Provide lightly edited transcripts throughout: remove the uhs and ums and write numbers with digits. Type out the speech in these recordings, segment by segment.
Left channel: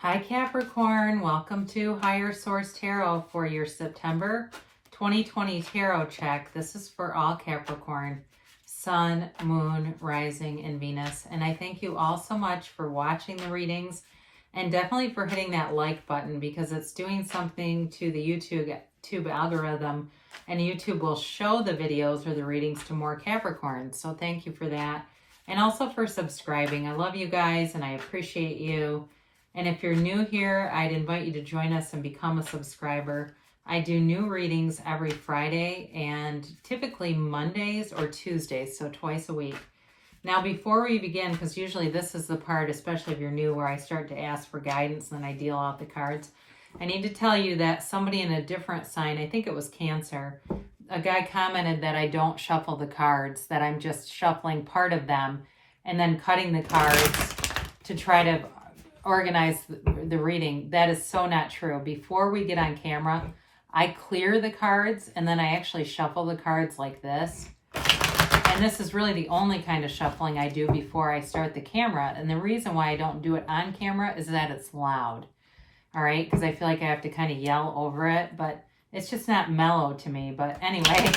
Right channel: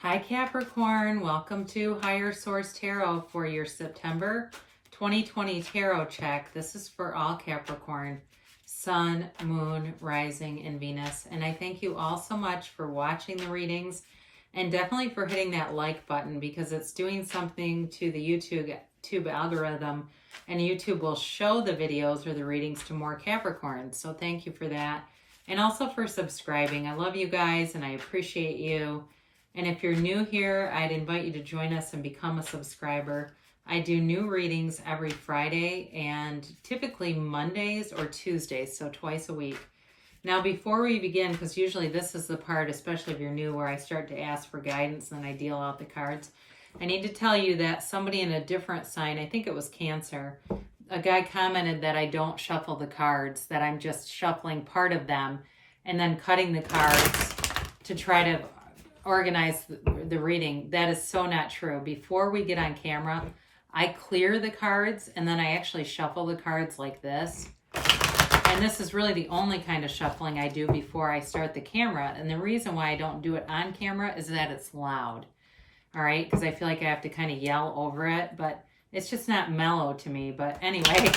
Hi Capricorn, welcome to Higher Source Tarot for your September 2020 tarot check. This is for all Capricorn, Sun, Moon, Rising, and Venus. And I thank you all so much for watching the readings and definitely for hitting that like button because it's doing something to the YouTube algorithm, and YouTube will show the videos or the readings to more Capricorns. So thank you for that. And also for subscribing. I love you guys and I appreciate you. And if you're new here, I'd invite you to join us and become a subscriber. I do new readings every Friday and typically Mondays or Tuesdays, so twice a week. Now, before we begin, because usually this is the part, especially if you're new, where I start to ask for guidance and then I deal out the cards, I need to tell you that somebody in a different sign, I think it was Cancer, a guy commented that I don't shuffle the cards, that I'm just shuffling part of them and then cutting the cards to try to organize the reading. That is so not true. Before we get on camera, I clear the cards and then I actually shuffle the cards like this. And this is really the only kind of shuffling I do before I start the camera. And the reason why I don't do it on camera is that it's loud. All right, because I feel like I have to kind of yell over it, but it's just not mellow to me. But anyway,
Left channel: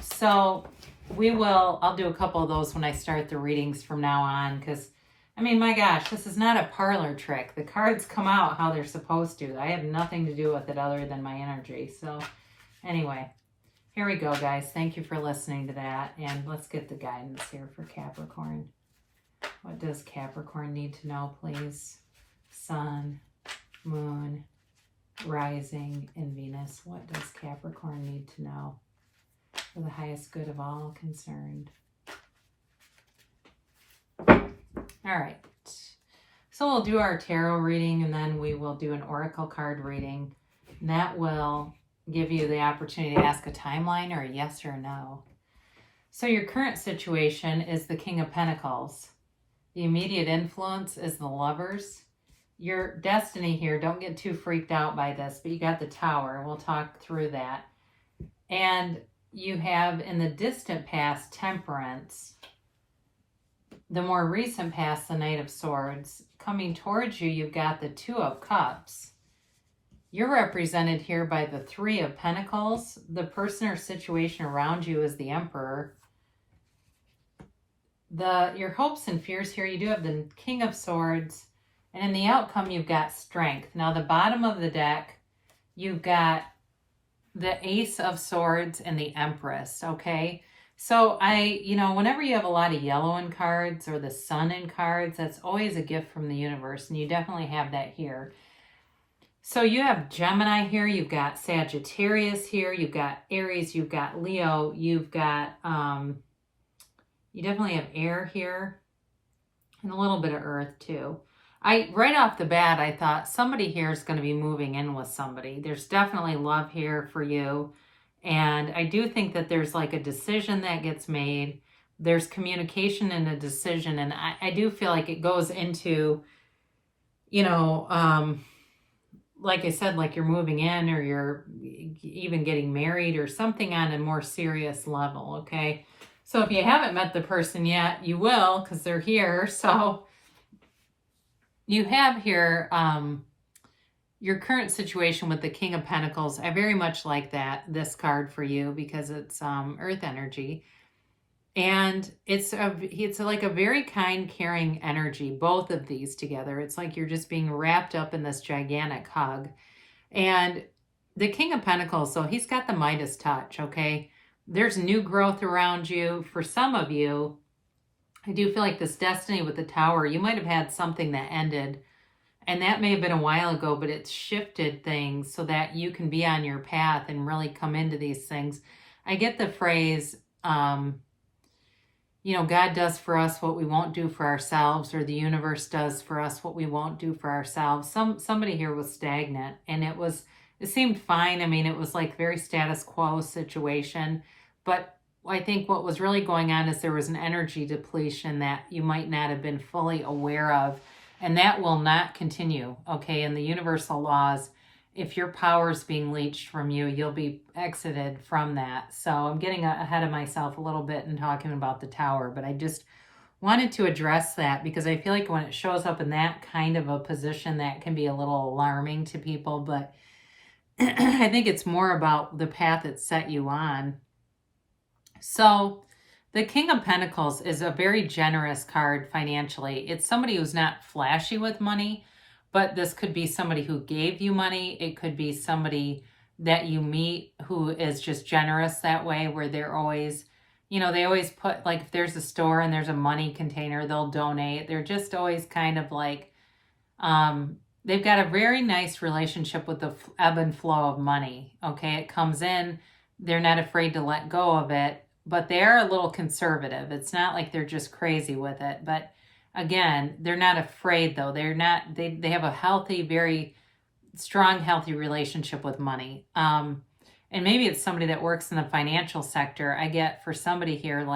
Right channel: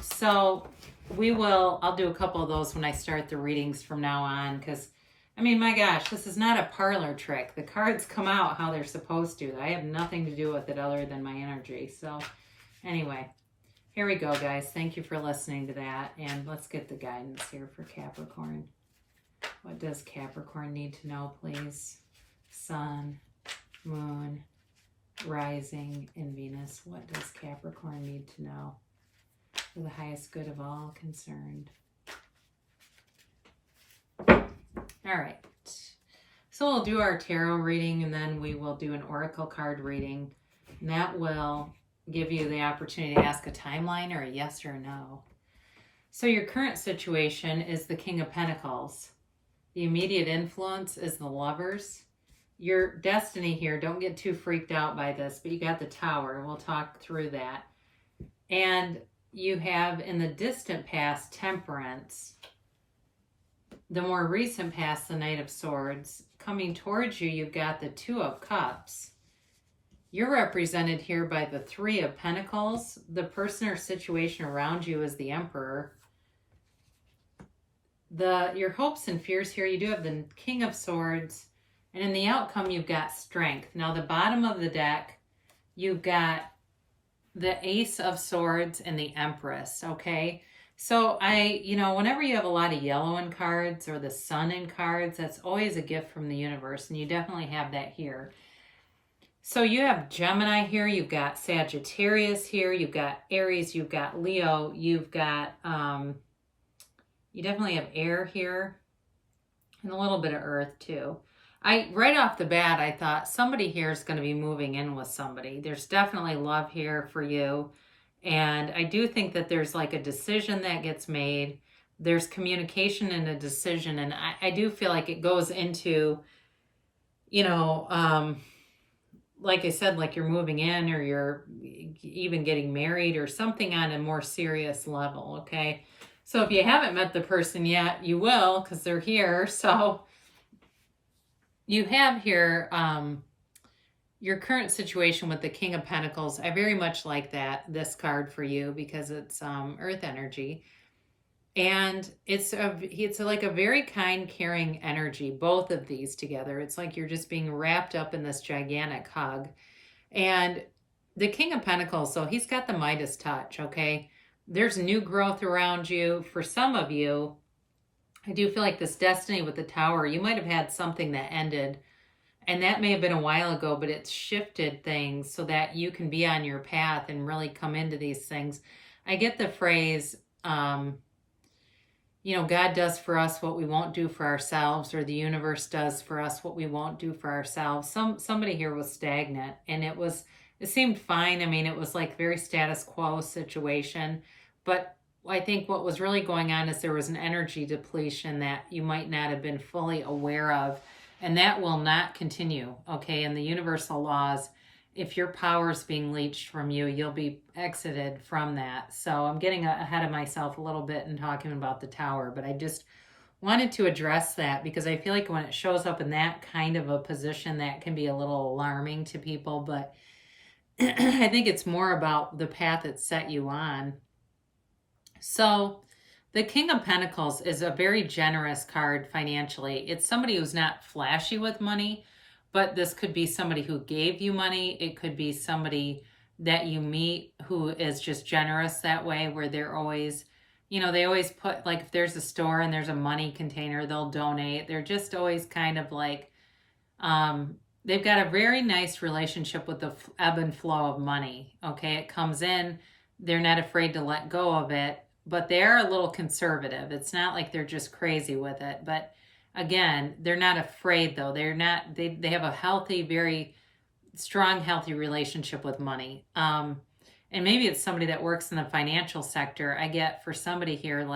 so I'll do a couple of those when I start the readings from now on, because I mean, my gosh, this is not a parlor trick. The cards come out how they're supposed to. I have nothing to do with it other than my energy. So anyway, here we go, guys. Thank you for listening to that. And let's get the guidance here for Capricorn. What does Capricorn need to know, please? Sun, Moon, Rising, and Venus. What does Capricorn need to know for the highest good of all concerned? All right, so we'll do our tarot reading and then we will do an oracle card reading. And that will give you the opportunity to ask a timeline or a yes or no. So your current situation is the King of Pentacles. The immediate influence is the Lovers. Your destiny here, don't get too freaked out by this, but you got the Tower. We'll talk through that. And you have in the distant past Temperance. The more recent past, the Knight of Swords. Coming towards you, you've got the Two of Cups. You're represented here by the Three of Pentacles. The person or situation around you is the Emperor. Your hopes and fears here, you do have the King of Swords. And in the outcome, you've got Strength. Now, the bottom of the deck, you've got the Ace of Swords and the Empress, okay? So whenever you have a lot of yellow in cards or the sun in cards, that's always a gift from the universe. And you definitely have that here. So you have Gemini here. You've got Sagittarius here. You've got Aries. You've got Leo. You've got, you definitely have air here and a little bit of earth too. Right off the bat, I thought somebody here is going to be moving in with somebody. There's definitely love here for you. And I do think that there's like a decision that gets made. There's communication and a decision. And I do feel like it goes into, like I said, like you're moving in or you're even getting married or something on a more serious level, okay? So if you haven't met the person yet, you will because they're here. So you have here your current situation with the King of Pentacles. I very much like this card for you because it's earth energy. And it's like a very kind, caring energy, both of these together. It's like you're just being wrapped up in this gigantic hug. And the King of Pentacles, so he's got the Midas touch, okay? There's new growth around you. For some of you, I do feel like this destiny with the Tower, you might have had something that ended. And that may have been a while ago, but it's shifted things so that you can be on your path and really come into these things. I get the phrase, God does for us what we won't do for ourselves, or the universe does for us what we won't do for ourselves. Somebody here was stagnant and it seemed fine. I mean, it was like very status quo situation, but I think what was really going on is there was an energy depletion that you might not have been fully aware of. And that will not continue, okay? In the universal laws, if your power is being leached from you, you'll be exited from that. So I'm getting ahead of myself a little bit and talking about the Tower, but I just wanted to address that because I feel like when it shows up in that kind of a position, that can be a little alarming to people. But I think it's more about the path it set you on. So the King of Pentacles is a very generous card financially. It's somebody who's not flashy with money, but this could be somebody who gave you money. It could be somebody that you meet who is just generous that way, where they're always, they always put, like, if there's a store and there's a money container, they'll donate. They're just always kind of like, they've got a very nice relationship with the ebb and flow of money. Okay, it comes in, they're not afraid to let go of it, but they're a little conservative. It's not like they're just crazy with it. But again, they're not afraid though. They have a healthy, very strong, healthy relationship with money. And maybe it's somebody that works in the financial sector. I get for somebody here,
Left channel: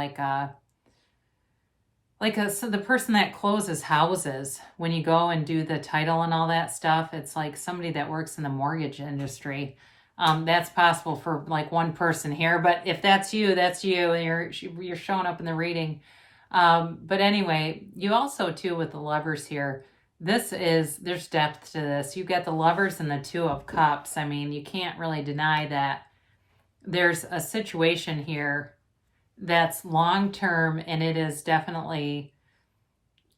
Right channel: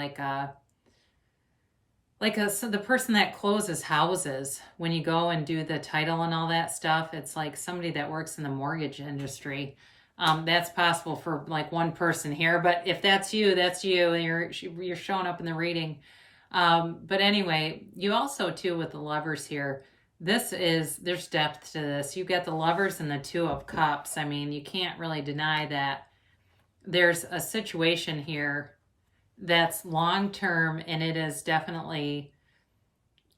so the person that closes houses, when you go and do the title and all that stuff, it's like somebody that works in the mortgage industry. That's possible for like one person here, but if that's you, that's you. You're showing up in the reading. But anyway, you also too with the Lovers here. There's depth to this. You've got the Lovers and the Two of Cups. I mean, you can't really deny that there's a situation here that's long term, and it is definitely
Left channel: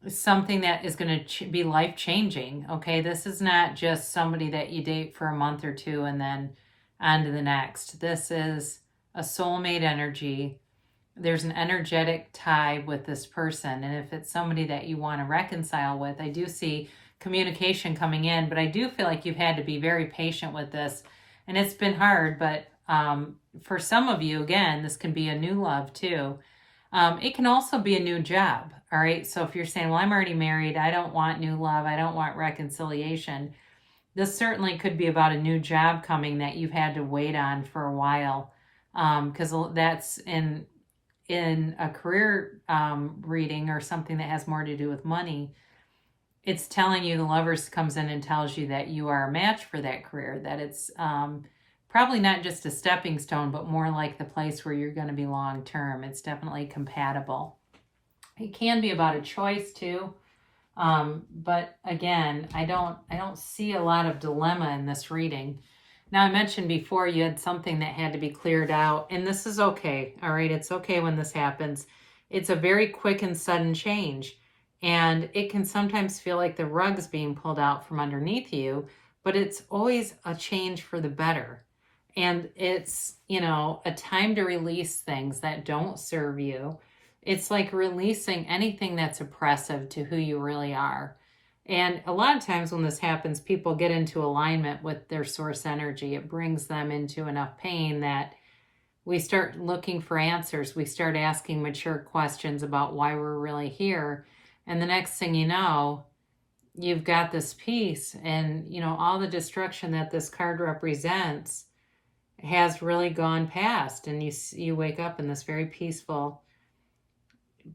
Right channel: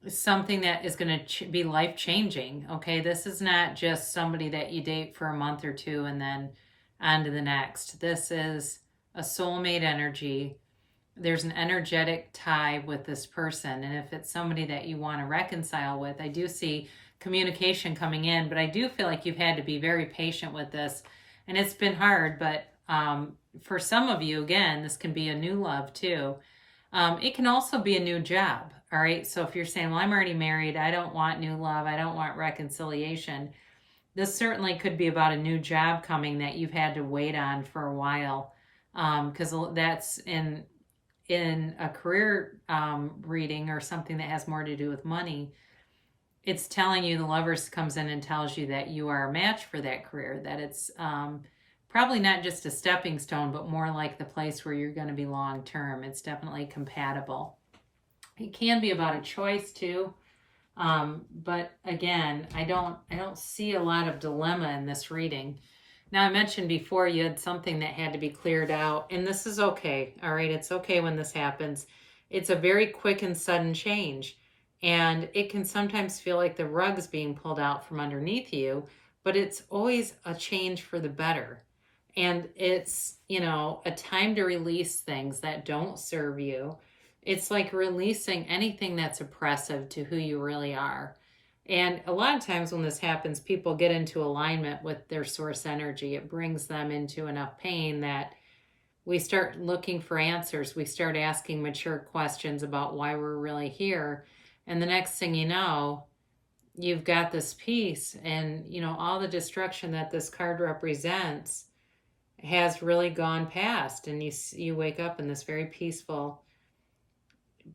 something that is going to be life changing. Okay, this is not just somebody that you date for a month or two and then on to the next. This is a soulmate energy. There's an energetic tie with this person, and if it's somebody that you want to reconcile with, I do see communication coming in, but I do feel like you've had to be very patient with this, and it's been hard. But for some of you, again, this can be a new love too. It can also be a new job. All right, so if you're saying, well, I'm already married, I don't want new love, I don't want reconciliation, this certainly could be about a new job coming that you've had to wait on for a while, because that's in a career reading or something that has more to do with money. It's telling you, the Lovers comes in and tells you that you are a match for that career, that it's probably not just a stepping stone, but more like the place where you're going to be long term. It's definitely compatible. It can be about a choice too. But again, I don't see a lot of dilemma in this reading. Now, I mentioned before you had something that had to be cleared out, and this is okay. All right, it's okay when this happens. It's a very quick and sudden change, and it can sometimes feel like the rug's being pulled out from underneath you, but it's always a change for the better. And it's, a time to release things that don't serve you. It's like releasing anything that's oppressive to who you really are. And a lot of times when this happens, people get into alignment with their source energy. It brings them into enough pain that we start looking for answers. We start asking mature questions about why we're really here. And the next thing you know, you've got this peace, and, all the destruction that this card represents has really gone past. And you wake up in this very peaceful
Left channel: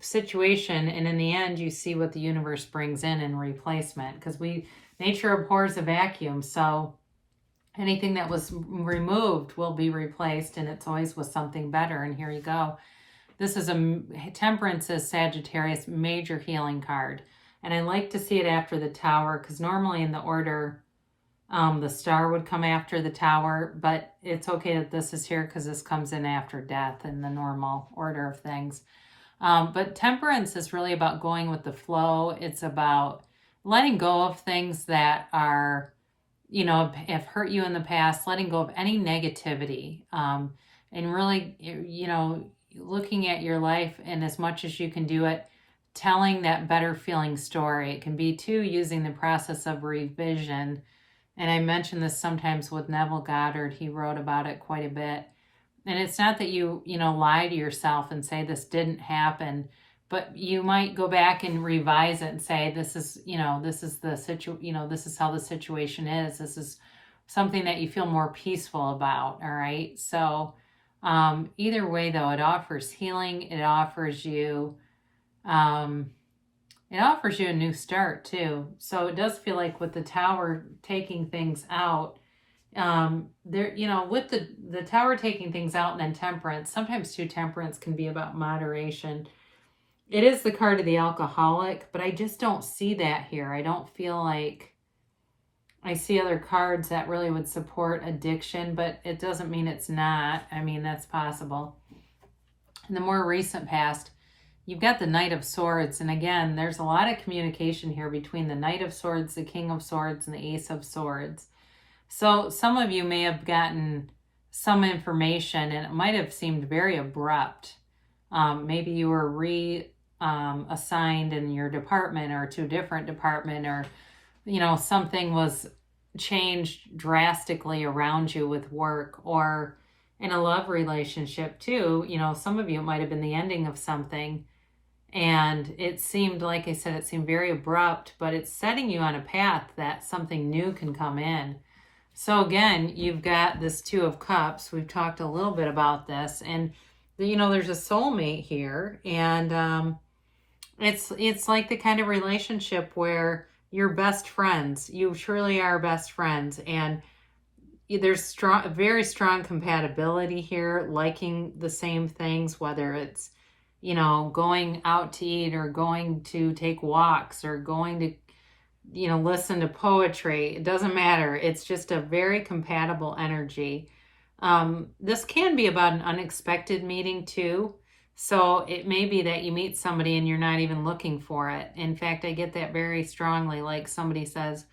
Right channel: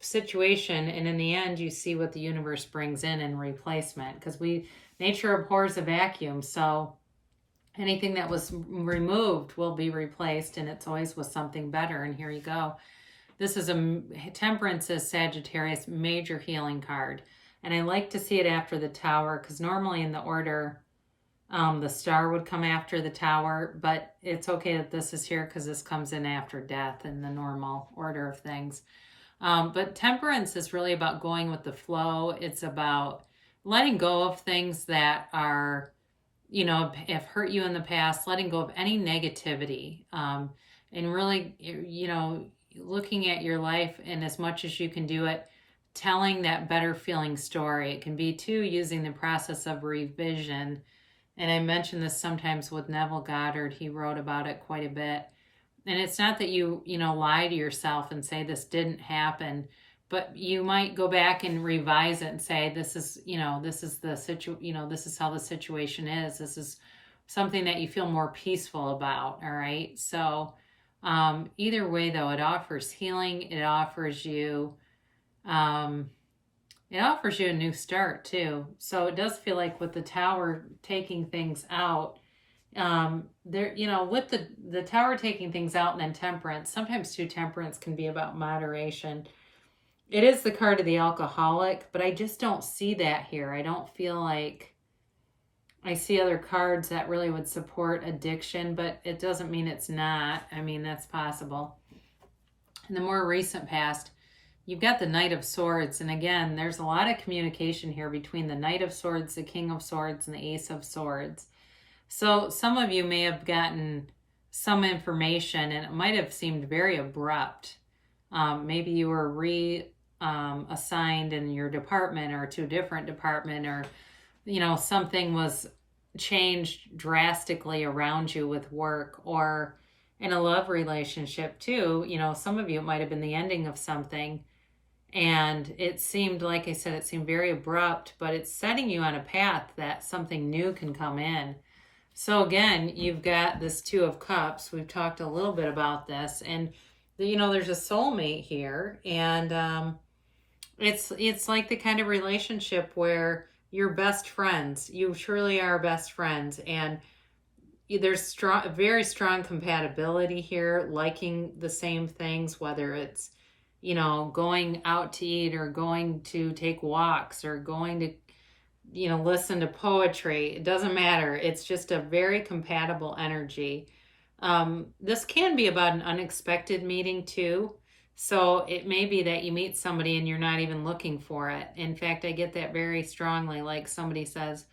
situation, and in the end you see what the universe brings in replacement, because nature abhors a vacuum. So anything that was removed will be replaced, and it's always with something better. And here you go. This is Temperance is Sagittarius, major healing card, and I like to see it after the Tower, because normally in the order the Star would come after the Tower, but it's okay that this is here because this comes in after Death in the normal order of things. But Temperance is really about going with the flow. It's about letting go of things that are, have hurt you in the past, letting go of any negativity, and really, looking at your life, and as much as you can do it, telling that better feeling story. It can be too using the process of revision. And I mention this sometimes with Neville Goddard. He wrote about it quite a bit. And it's not that you lie to yourself and say this didn't happen, but you might go back and revise it and say, this is how the situation is. This is something that you feel more peaceful about. All right. So either way though, it offers healing. It offers you a new start too. So it does feel like with the Tower taking things out, with the Tower taking things out, and then Temperance, sometimes too, Temperance can be about moderation. It is the card of the alcoholic, but I just don't see that here. I don't feel like I see other cards that really would support addiction, but it doesn't mean it's not. I mean, that's possible. In the more recent past, you've got the Knight of Swords, and again, there's a lot of communication here between the Knight of Swords, the King of Swords, and the Ace of Swords. So some of you may have gotten some information, and it might have seemed very abrupt. Maybe you were assigned in your department or to a different department, or something was changed drastically around you with work, or in a love relationship too. Some of you, it might have been the ending of something, and it seemed, like I said, it seemed very abrupt, but it's setting you on a path that something new can come in. So again, you've got this Two of Cups. We've talked a little bit about this, and there's a soulmate here, and it's like the kind of relationship where you're best friends. You truly are best friends, and there's very strong compatibility here, liking the same things, whether it's going out to eat, or going to take walks, or going to listen to poetry. It doesn't matter. It's just a very compatible energy. This can be about an unexpected meeting too. So it may be that you meet somebody and you're not even looking for it. In fact, I get that very strongly. Like somebody says,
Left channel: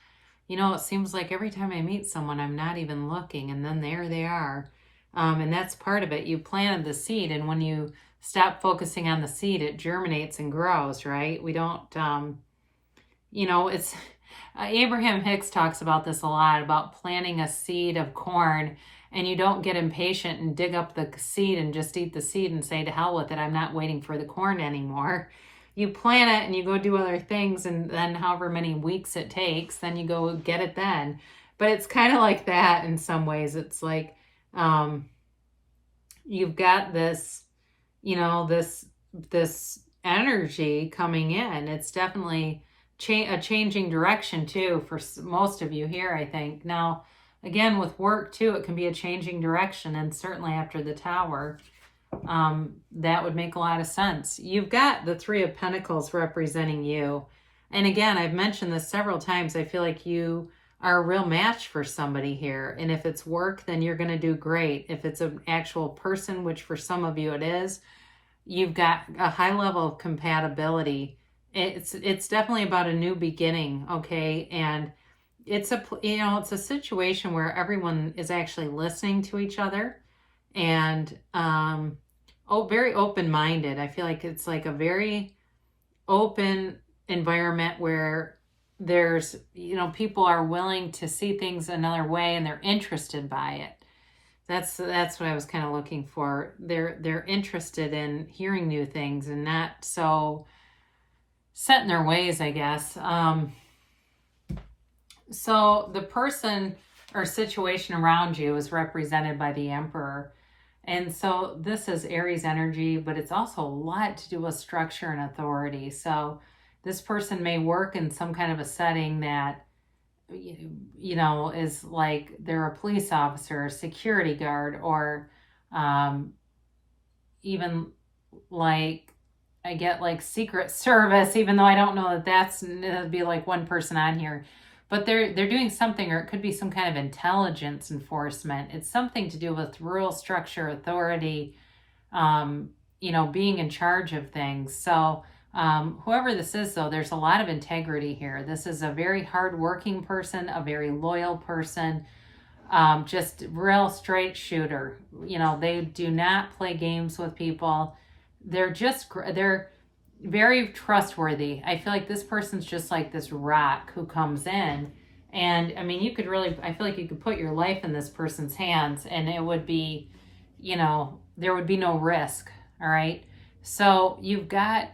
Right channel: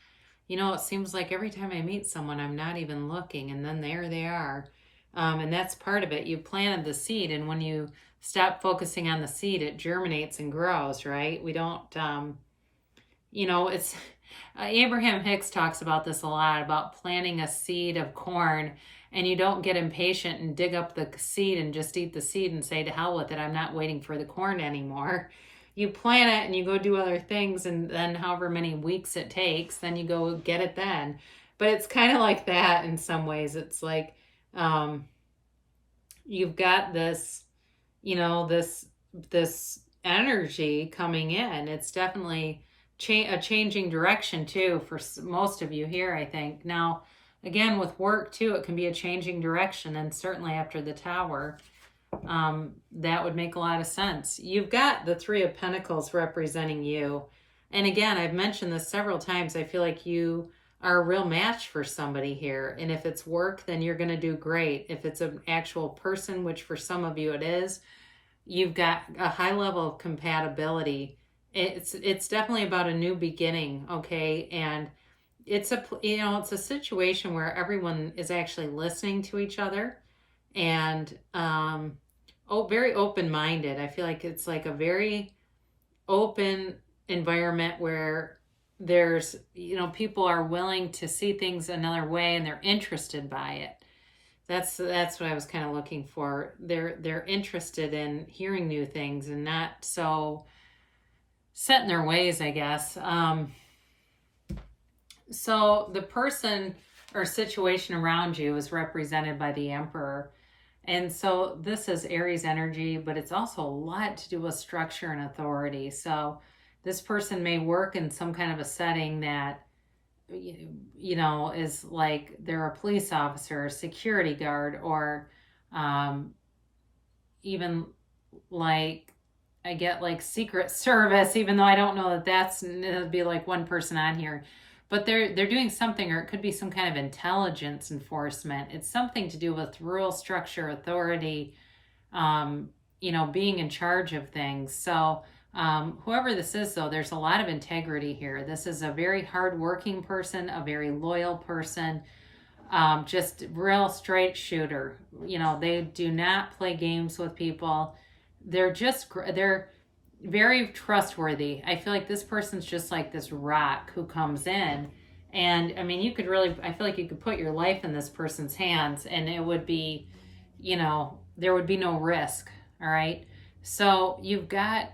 it seems like every time I meet someone, I'm not even looking, and then there they are. And that's part of it. You planted the seed, and when you stop focusing on the seed, it germinates and grows, right? We don't, it's Abraham Hicks talks about this a lot, about planting a seed of corn, and you don't get impatient and dig up the seed and just eat the seed and say, to hell with it, I'm not waiting for the corn anymore. You plant it and you go do other things, and then however many weeks it takes, then you go get it then. But it's kind of like that in some ways. It's like you've got this, this energy coming in. It's definitely a changing direction too for most of you here, I think. Now, again, with work too, it can be a changing direction, and certainly after the Tower, that would make a lot of sense. You've got the Three of Pentacles representing you. And again, I've mentioned this several times. I feel like you are a real match for somebody here. And if it's work, then you're going to do great. If it's an actual person, which for some of you it is, you've got a high level of compatibility. It's definitely about a new beginning, okay? And it's a situation where everyone is actually listening to each other, and very open-minded. I feel like it's like a very open environment where there's people are willing to see things another way, and they're interested by it. That's what I was kind of looking for. They're interested in hearing new things and not so set in their ways, I guess. So the person or situation around you is represented by the Emperor. And so this is Aries energy, but it's also a lot to do with structure and authority. So this person may work in some kind of a setting that, is like they're a police officer, a security guard, or even like I get like Secret Service, even though I don't know that it'd be like one person on here. But they're doing something, or it could be some kind of intelligence enforcement. It's something to do with rule, structure, authority, being in charge of things. So whoever this is, though, there's a lot of integrity here. This is a very hardworking person, a very loyal person, just real straight shooter. They do not play games with people. They're very trustworthy. I feel like this person's just like this rock who comes in, and I mean, I feel like you could put your life in this person's hands, and it would be, there would be no risk. All right. So you've got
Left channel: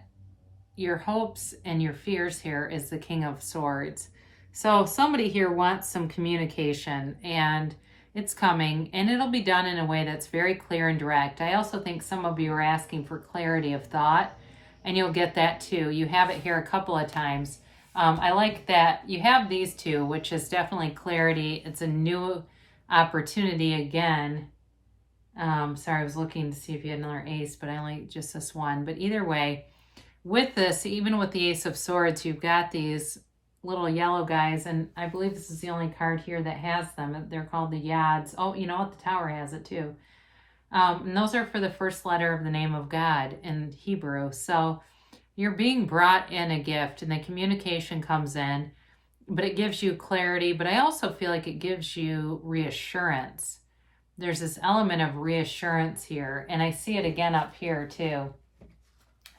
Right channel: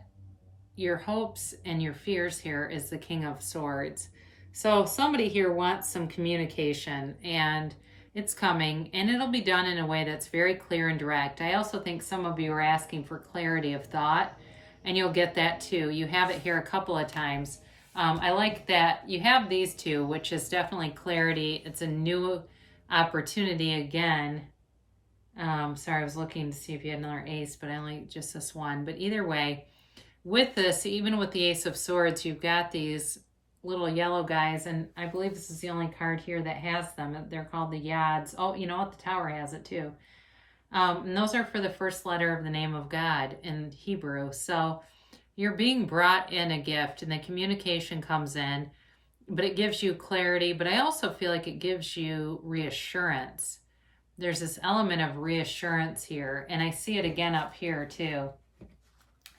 your hopes and your fears here is the King of Swords. So somebody here wants some communication, and it's coming, and it'll be done in a way that's very clear and direct. I also think some of you are asking for clarity of thought, and you'll get that too. You have it here a couple of times. I like that you have these two, which is definitely clarity. It's a new opportunity again. Sorry, I was looking to see if you had another ace, but I like just this one. But either way, with this, even with the Ace of Swords, you've got these little yellow guys, and I believe this is the only card here that has them. They're called the Yads. Oh, you know what? The Tower has it too. And those are for the first letter of the name of God in Hebrew. So you're being brought in a gift, and the communication comes in, but it gives you clarity. But I also feel like it gives you reassurance. There's this element of reassurance here, and I see it again up here too.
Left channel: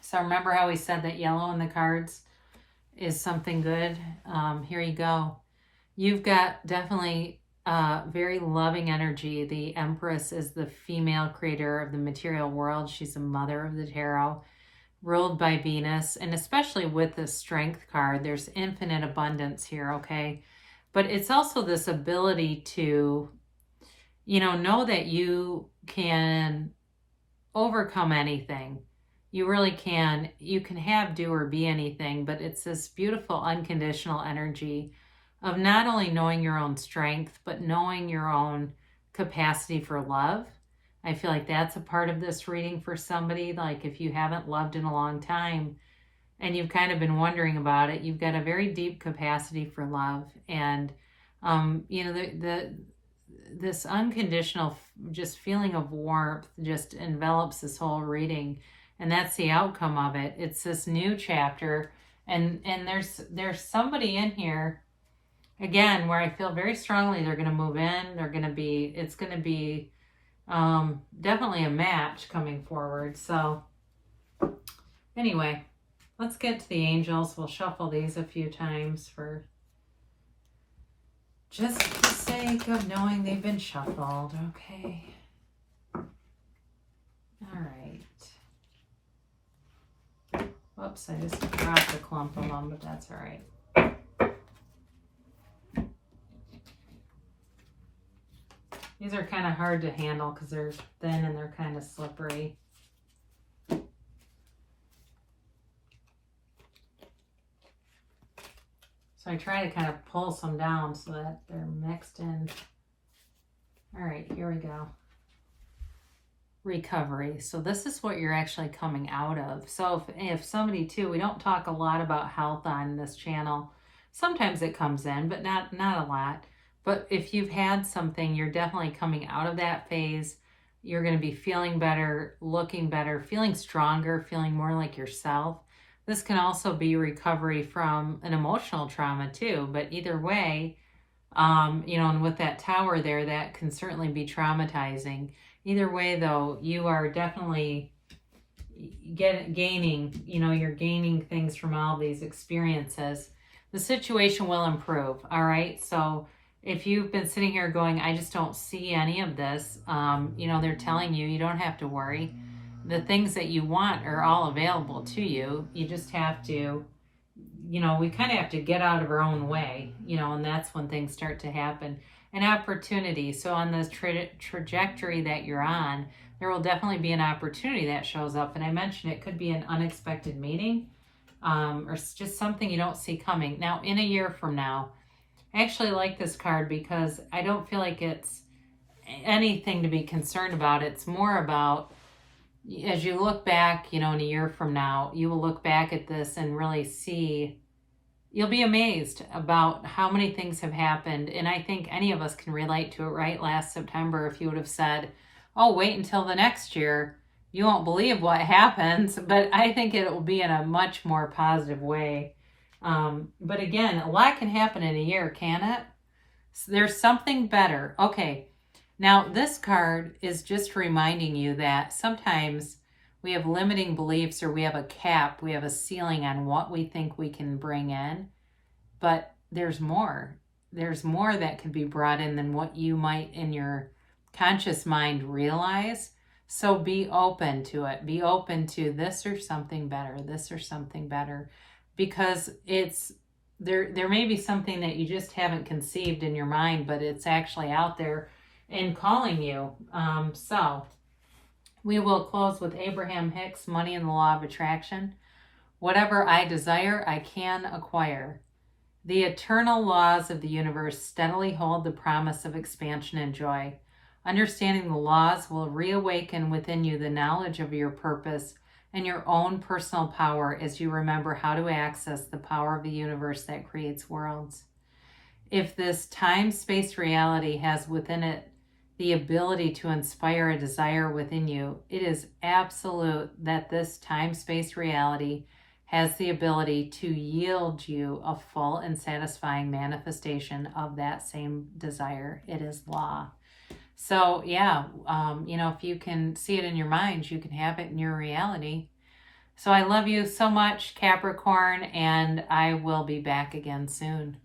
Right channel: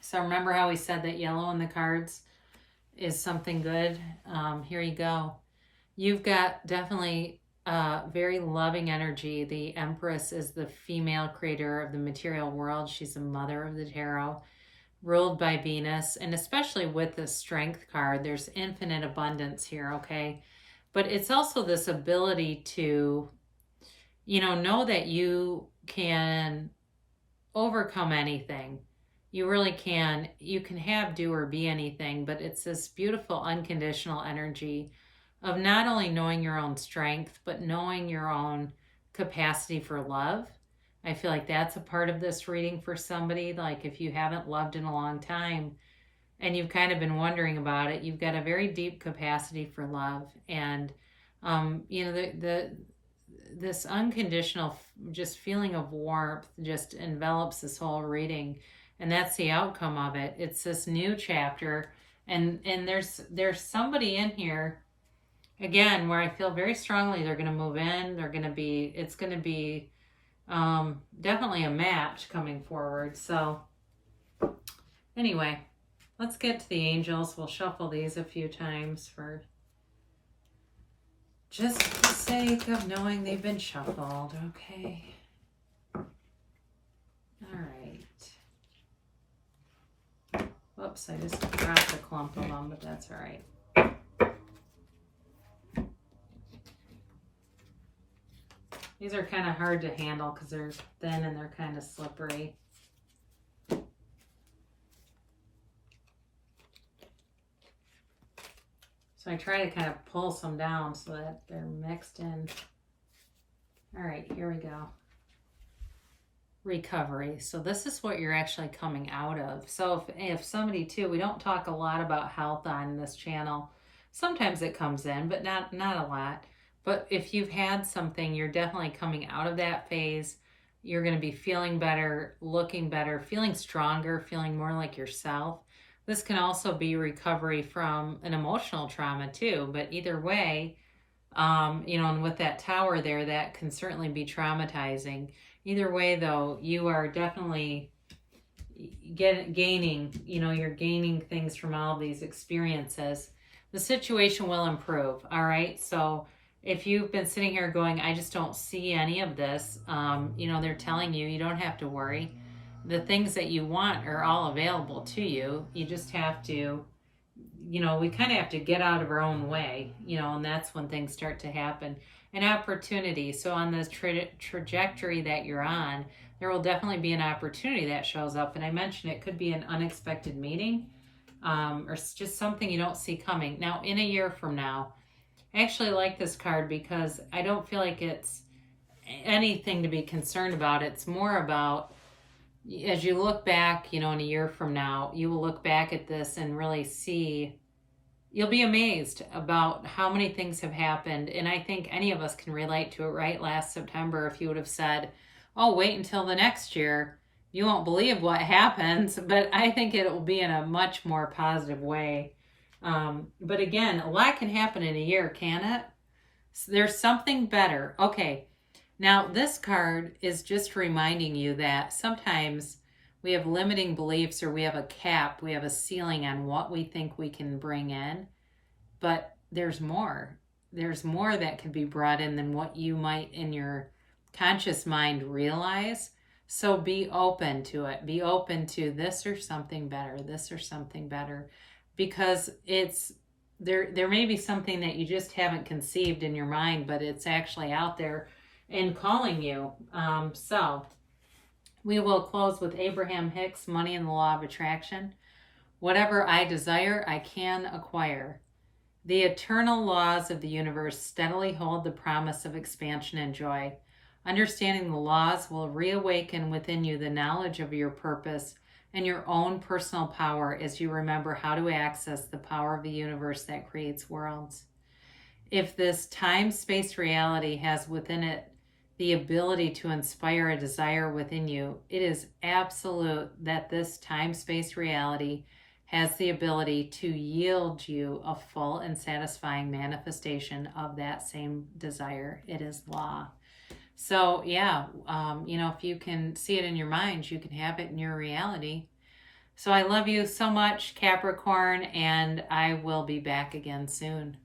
So remember how we said that yellow in the cards is something good? Here you go. You've got definitely very loving energy. The Empress is the female creator of the material world. She's the mother of the tarot, ruled by Venus. And especially with the Strength card, there's infinite abundance here, okay? But it's also this ability to, know that you can overcome anything. You really can. You can have, do, or be anything, but it's this beautiful unconditional energy of not only knowing your own strength, but knowing your own capacity for love. I feel like that's a part of this reading for somebody. Like if you haven't loved in a long time and you've kind of been wondering about it, you've got a very deep capacity for love. And, this unconditional just feeling of warmth just envelops this whole reading. And that's the outcome of it. It's this new chapter. And there's somebody in here, again, where I feel very strongly they're going to move in. It's going to be definitely a match coming forward. So anyway, let's get to the angels. We'll shuffle these a few times for just the sake of knowing they've been shuffled. Okay. All right. Whoops, I just dropped a clump of them, but that's all right. These are kind of hard to handle because they're thin and they're kind of slippery. So I try to kind of pull some down so that they're mixed in. All right, here we go. Recovery. So this is what you're actually coming out of. So if somebody too, we don't talk a lot about health on this channel. Sometimes it comes in, but not a lot. But if you've had something, you're definitely coming out of that phase. You're going to be feeling better, looking better, feeling stronger, feeling more like yourself. This can also be recovery from an emotional trauma too. But either way, and with that tower there, that can certainly be traumatizing. Either way, though, you are definitely gaining, you're gaining things from all these experiences. The situation will improve, all right? So if you've been sitting here going, I just don't see any of this, they're telling you, you don't have to worry. The things that you want are all available to you. You just have to, we kind of have to get out of our own way, and that's when things start to happen. An opportunity. So on this trajectory that you're on, there will definitely be an opportunity that shows up. And I mentioned it could be an unexpected meeting or just something you don't see coming. Now, in a year from now, I actually like this card because I don't feel like it's anything to be concerned about. It's more about, as you look back, in a year from now, you will look back at this and really see. You'll be amazed about how many things have happened. And I think any of us can relate to it, right? Last September, if you would have said, oh, wait until the next year, you won't believe what happens. But I think it will be in a much more positive way. But again, a lot can happen in a year, can it? So there's something better. Okay, now this card is just reminding you that sometimes we have limiting beliefs, or we have a cap, we have a ceiling on what we think we can bring in. But there's more. There's more that could be brought in than what you might in your conscious mind realize. So be open to it. Be open to this or something better, this or something better. Because there may be something that you just haven't conceived in your mind, but it's actually out there and calling you. So we will close with Abraham Hicks, Money and the Law of Attraction. Whatever I desire, I can acquire. The eternal laws of the universe steadily hold the promise of expansion and joy. Understanding the laws will reawaken within you the knowledge of your purpose and your own personal power as you remember how to access the power of the universe that creates worlds. If this time-space reality has within it the ability to inspire a desire within you, it is absolute that this time-space reality has the ability to yield you a full and satisfying manifestation of that same desire. It is law. So yeah, if you can see it in your mind, you can have it in your reality. So I love you so much, Capricorn, and I will be back again soon.